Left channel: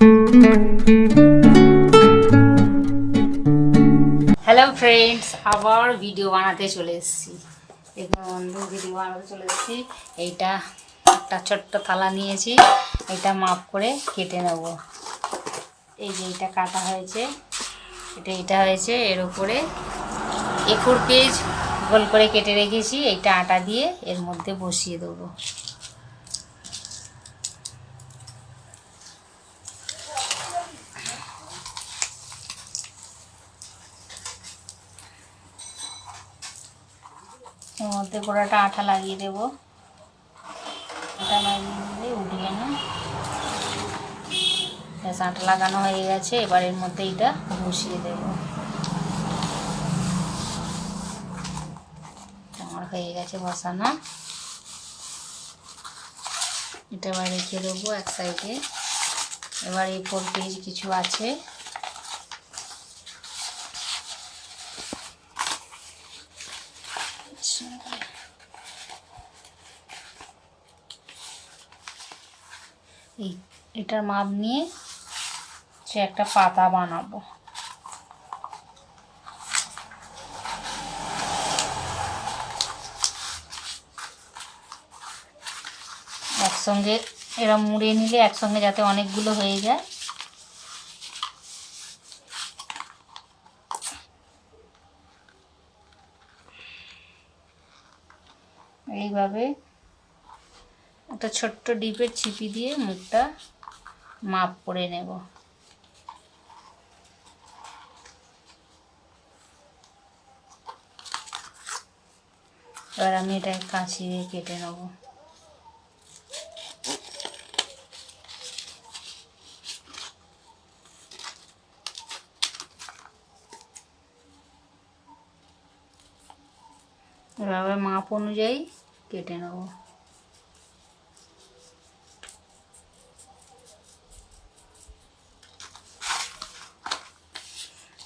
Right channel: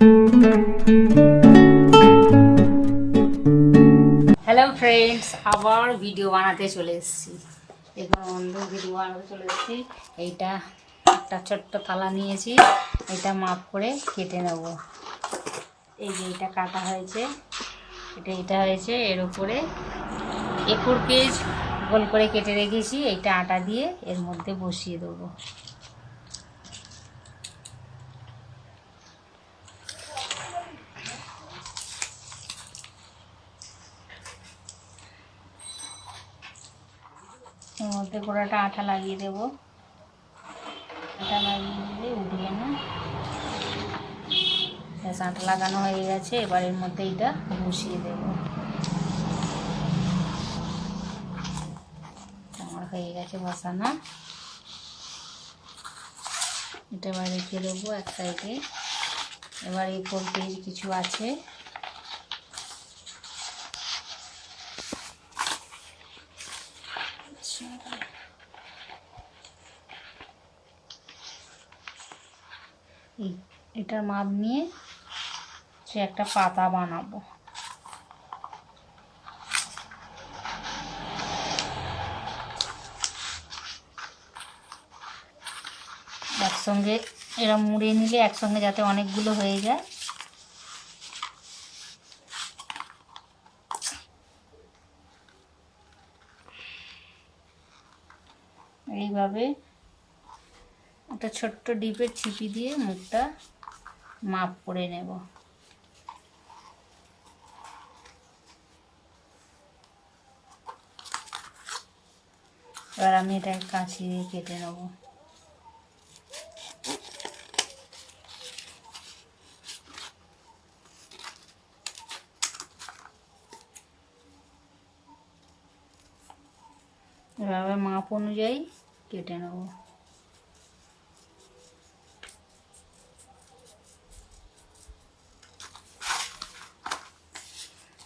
Hello friends, আবার video বানাতে চলে এসেছি। দেখুন বন্ধু, ভিডিও বানাতে চলে এসেছি। এইটা একটা ছোট্ট থালা নিয়েছি, এটা মাপ করে কেটে নেব। এই যে এটা কাটা হয়েছে, এটা হয়েছে, এর উপরে A4 পেজ গোল করে কেটে রেখেছি। এইটা আটা দিয়ে এর মধ্যে বসিয়ে দেবো। এর মধ্যে গোড়াটা আঠা লাগিয়ে দেবো। আঠা লাগিয়ে দিলে উঠবে না। ব্যাস, আঠা লাগানো হয়ে গেছে। এবার এর মধ্যে এটা বসিয়ে দেবো। আমার হয়ে গেছে বসানো। এটা এবার রেখে দেবো এক সাইডে। এবার A4 পেজ কিছু আছে, এটার মাপ নিয়ে সে একটা পাতা বানাবো। একসঙ্গে এরা মুড়ে নিলে একসঙ্গে যাতে অনেকগুলো হয়ে যায়। এইভাবে একটা ছোট্ট ডিপের ছিপি দিয়ে মুখটা মাপ করে নেব। এবার আমি এটা কাঁচি দিয়ে কেটে নেব। এবার মাপ অনুযায়ী কেটে নেব।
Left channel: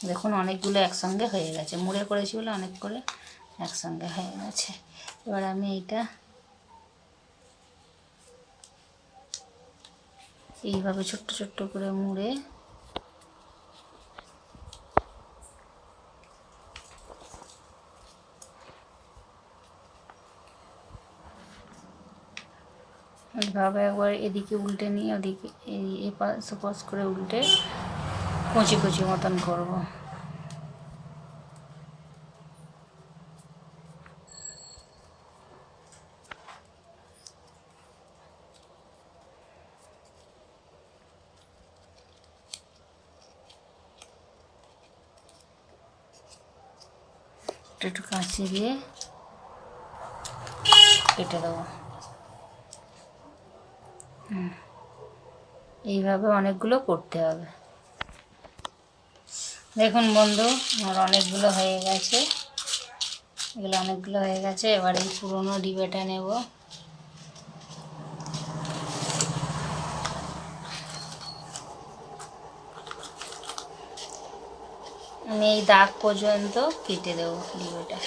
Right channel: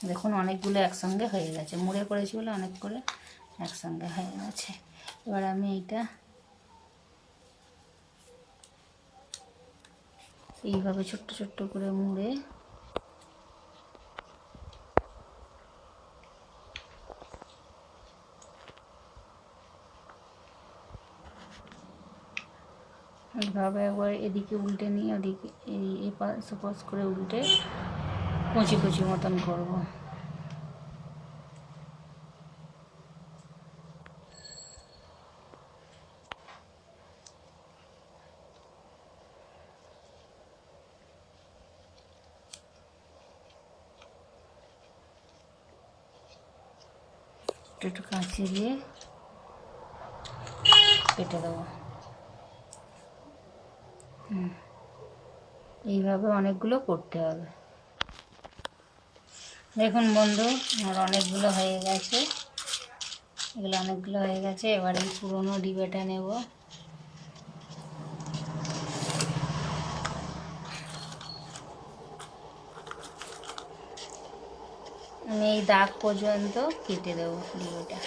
দেখুন অনেকগুলো একসঙ্গে হয়ে গেছে, মুড়ে করেছি বলে অনেক করে একসঙ্গে হয়ে গেছে। এবার আমি এইটা এইভাবে ছোট্ট ছোট্ট করে মুড়ে এইভাবে একবার এদিকে উল্টে নিয়ে ওদিকে এই পাশ করে উল্টে কচি কচি মতন করব। একটু কাঁচি দিয়ে কেটে দেবো। এইভাবে অনেকগুলো করতে হবে। দেখুন বন্ধু, আমার অনেকগুলো হয়ে গেছে। এগুলো অনেকগুলো হয়ে গেছে। এবার এই পুরোনো ডিবেটা নেব। আমি এই দাগ পর্যন্ত কেটে দেবো ডিবেটা।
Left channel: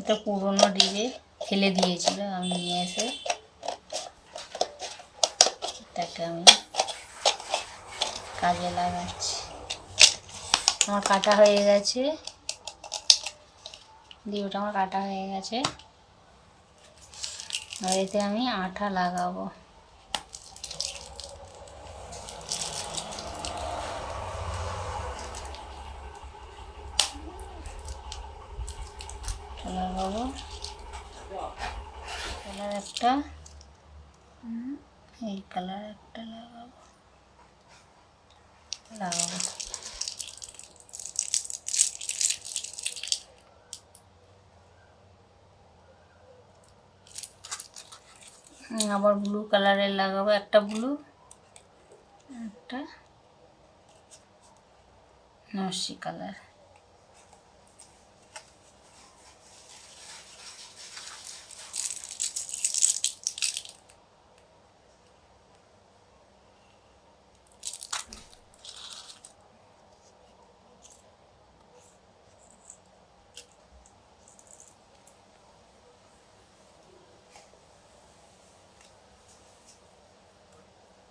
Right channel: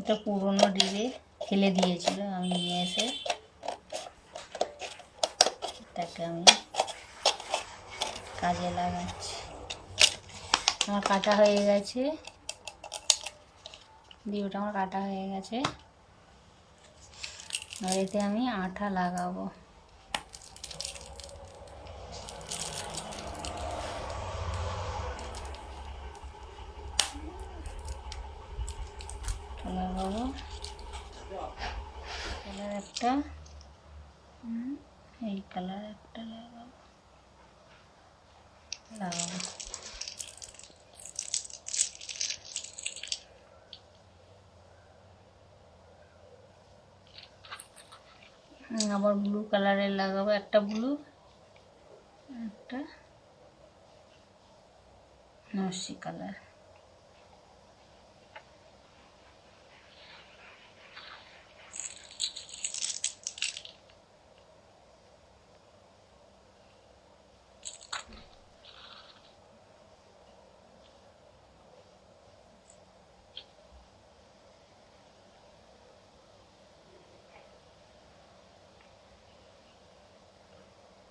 এটা পুরোনো ডিবে ফেলে দিয়েছিল, আমি নিয়ে এসে এটাকে আমি কাজে লাগাচ্ছি। আমার কাটা হয়ে গেছে, ডিবেটা আমার কাটা হয়ে গেছে। আর এতে আমি আঠা লাগাবো। লাগাবো কালার একটা, এই কালার একটা লাগাবো। আবার ব্লু কালারের লাগাবো, একটা ব্লু, একটা নস্যি কালার।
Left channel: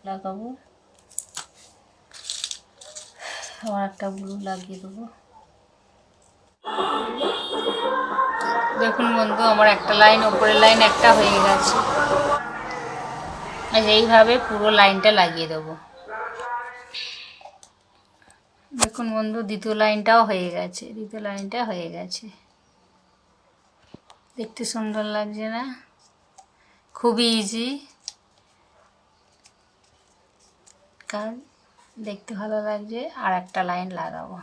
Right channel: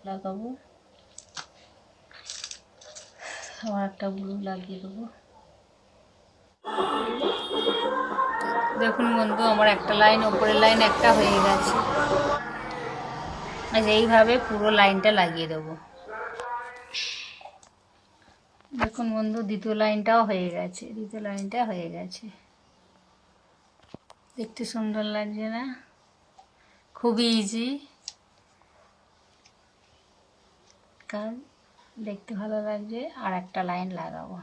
লাগাবো, আবার একটা ব্লু লাগিয়ে দেবো। দেখুন বন্ধু, আমার একটা লাইন, ওপরের লাইন একটা হয়ে গেছে। আর এইভাবে পুরো লাইনটা লাগিয়ে দেবো। দেখুন বন্ধু, দ্বিতীয় লাইনটাও হয়ে গেছে, দ্বিতীয় লাইনটা হয়ে গেছে। দেখতে সুন্দর লাগছে না? খুবই ইজি, কারণ দেখতে ভালো লাগছে। আর একটা লাইন লাগাবো।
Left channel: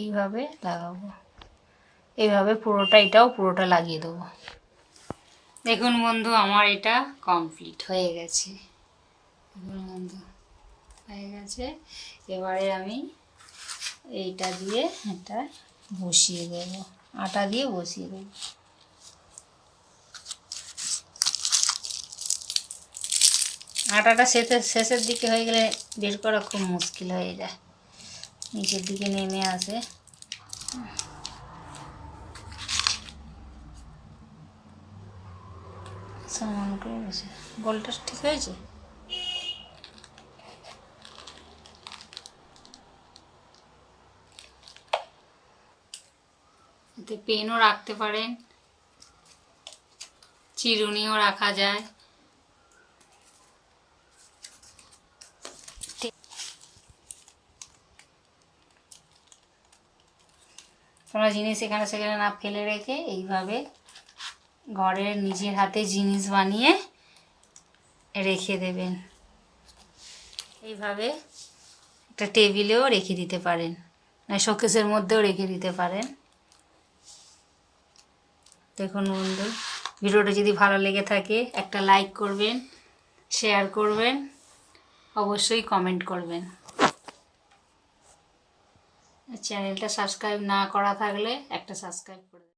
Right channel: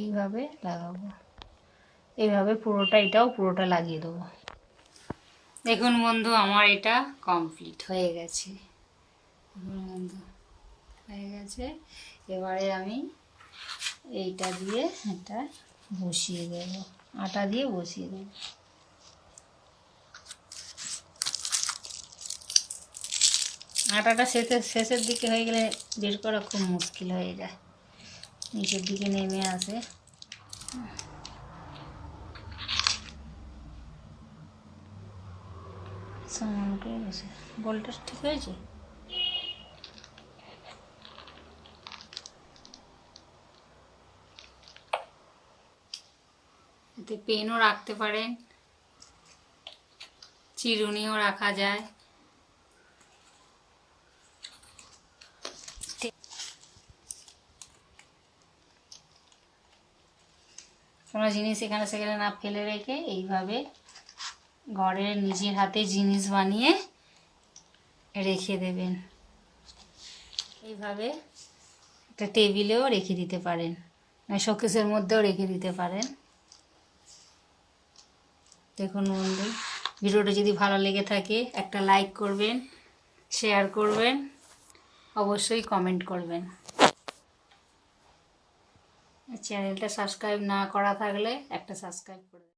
এইভাবে লাগাবো, এইভাবে পুরোটা, এটাও পুরোটা লাগিয়ে দেবো। দেখুন বন্ধু, আমার এটা কমপ্লিট হয়ে গেছে। বন্ধু হয়ে গেছে, এবারে আমি এইটা দিয়ে এটা বসিয়ে দেব, আটা দিয়ে বসিয়ে দেব। আটাটা শেষের দিকে হয়ে গেলে বের করা খুব মুশকিল হয়ে যায়, নিচের দিকে নেমে আসে। সমান করে বসে, গোলটা ঠিক হয়েছে। এতে পেনও রাখতে পারেন, চিরুনিও রাখা যায়। কোনো জিনিস এখানে সেখানে না ফেলে রেখে এইভাবে ঘরের নিজের হাতে জিনিস বানিয়ে রেখে দেবেন। এইভাবে একটা টেবিলেও রেখে দিতে পারেন, না শোকেসের মধ্যেও রেখে দিতে পারেন। দেখুন বন্ধু, ভিডিওটা যদি ভালো লেগে থাকে একটা লাইক করবেন, শেয়ার করবেন, অবশ্যই কমেন্ট করবেন। চ্যানেলটা সাবস্ক্রাইব না করা থাকলে একটা সাবস্ক্রাইব করবেন।